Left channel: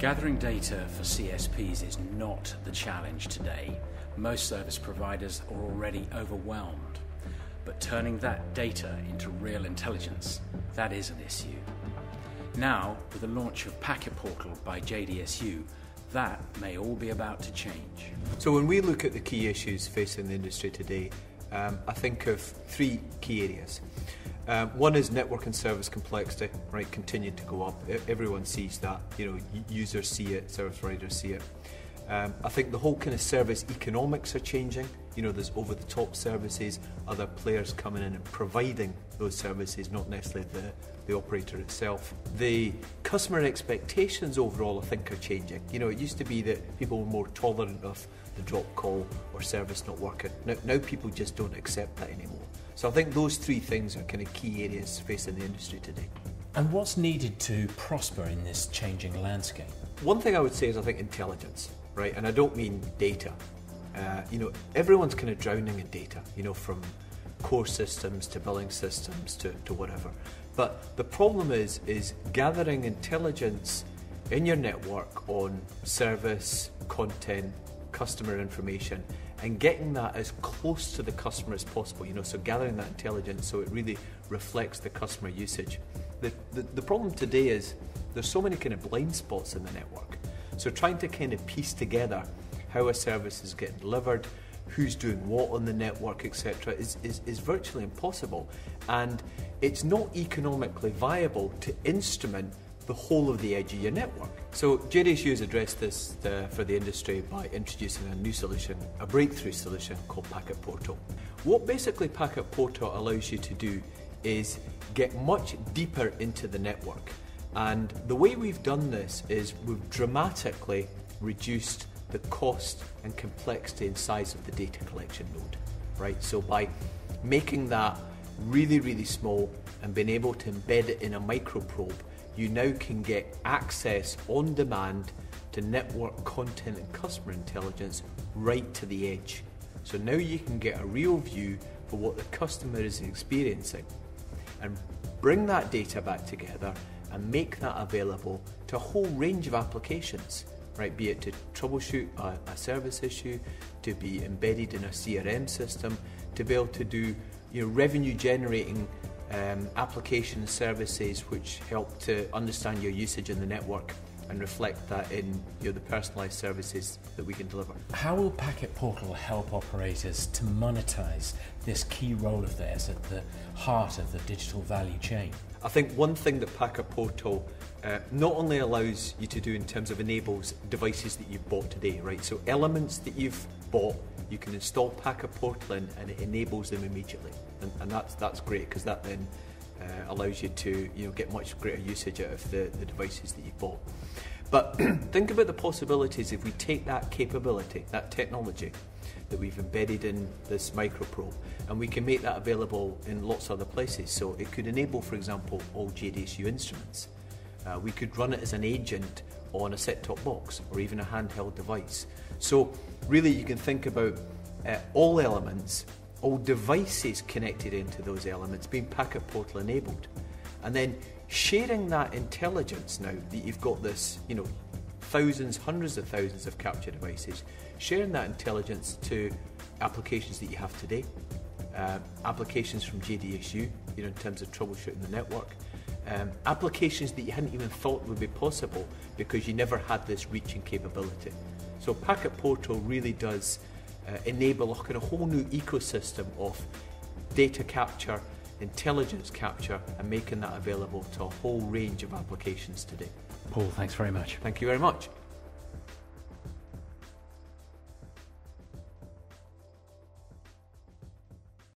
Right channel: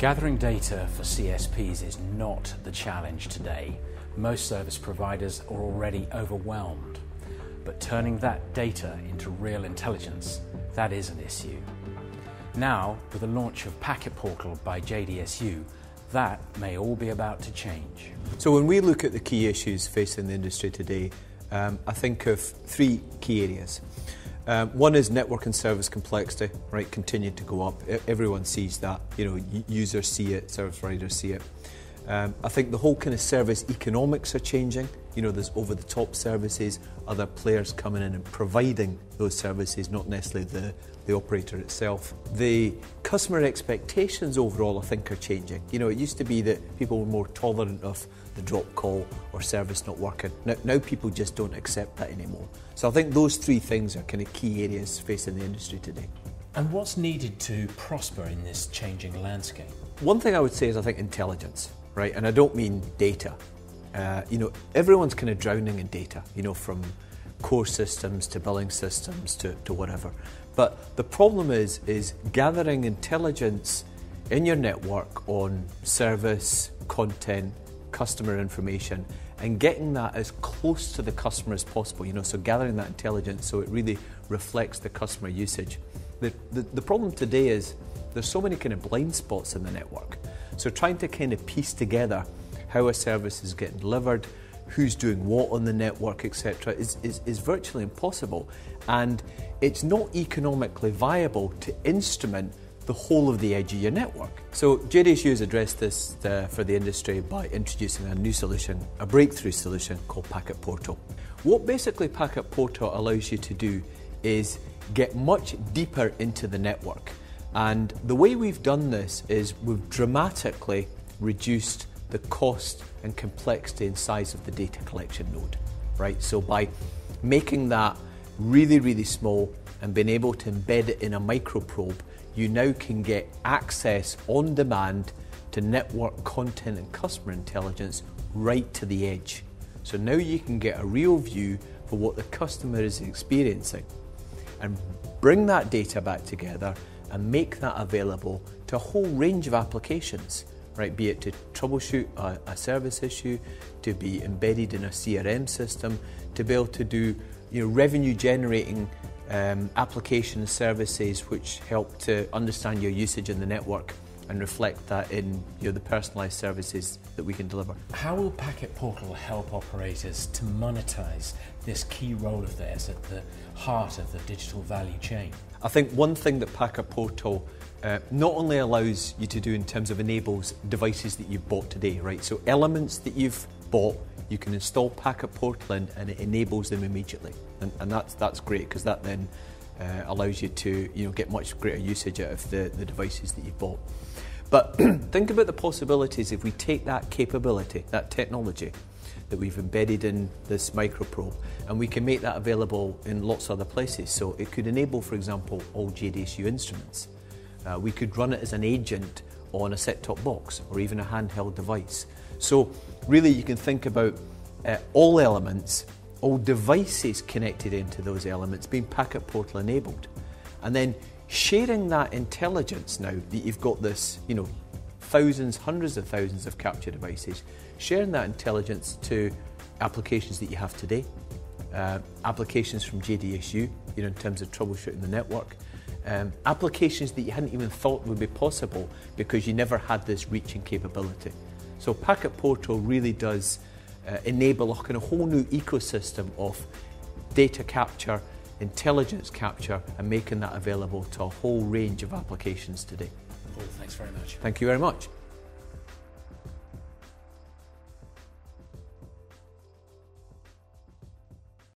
Gathering data for CSPs is not the challenge today. Most service providers are already overwhelmed. But turning that data into real intelligence, that is an issue. Now, with the launch of Packet Portal by JDSU, that may all be about to change. So when we look at the key issues facing the industry today, I think of three key areas. One is network and service complexity, right, continuing to go up. Everyone sees that, users see it, service providers see it. I think the whole kind of service economics are changing. There's over-the-top services, other players coming in and providing those services, not necessarily the operator itself. The customer expectations overall, I think, are changing. It used to be that people were more tolerant of the drop call or service not working. Now people just don't accept that anymore. So I think those three things are kind of key areas facing the industry today. And what's needed to prosper in this changing landscape? One thing I would say is I think intelligence, right? And I don't mean data. Everyone's kind of drowning in data, from core systems to billing systems to whatever. But the problem is gathering intelligence in your network on service, content, customer information, and getting that as close to the customer as possible, so gathering that intelligence so it really reflects the customer usage. The problem today is there's so many kind of blind spots in the network. So trying to kind of piece together how a service is getting delivered, who's doing what on the network, etc., is virtually impossible. And it's not economically viable to instrument the whole of the edge of your network. So JDSU has addressed this for the industry by introducing a new solution, a breakthrough solution called Packet Portal. What basically Packet Portal allows you to do is get much deeper into the network. And the way we've done this is we've dramatically reduced the cost and complexity and size of the data collection node, right? So by making that really, really small and being able to embed it in a microprobe, you now can get access on demand to network content and customer intelligence right to the edge. So now you can get a real view for what the customer is experiencing and bring that data back together and make that available to a whole range of applications, right? Be it to troubleshoot a service issue, to be embedded in a CRM system, to be able to do revenue generating application services which help to understand your usage in the network and reflect that in the personalised services that we can deliver. How will Packet Portal help operators to monetize this key role of theirs at the heart of the digital value chain? I think one thing that Packet Portal not only allows you to do in terms of enables devices that you've bought today, right? So elements that you've bought, you can install Packet Portal in and it enables them immediately. And that's great because that then allows you to get much greater usage out of the devices that you've bought. But think about the possibilities if we take that capability, that technology that we've embedded in this microprobe, and we can make that available in lots of other places. So it could enable, for example, all JDSU instruments. We could run it as an agent on a set-top box or even a handheld device. So really you can think about all elements, all devices connected into those elements being Packet Portal enabled. And then sharing that intelligence now that you've got this, thousands, hundreds of thousands of capture devices, sharing that intelligence to applications that you have today, applications from JDSU, in terms of troubleshooting the network, applications that you hadn't even thought would be possible because you never had this reach and capability. So Packet Portal really does enable a kind of whole new ecosystem of data capture, intelligence capture, and making that available to a whole range of applications today. Paul, thanks very much. Thank you very much.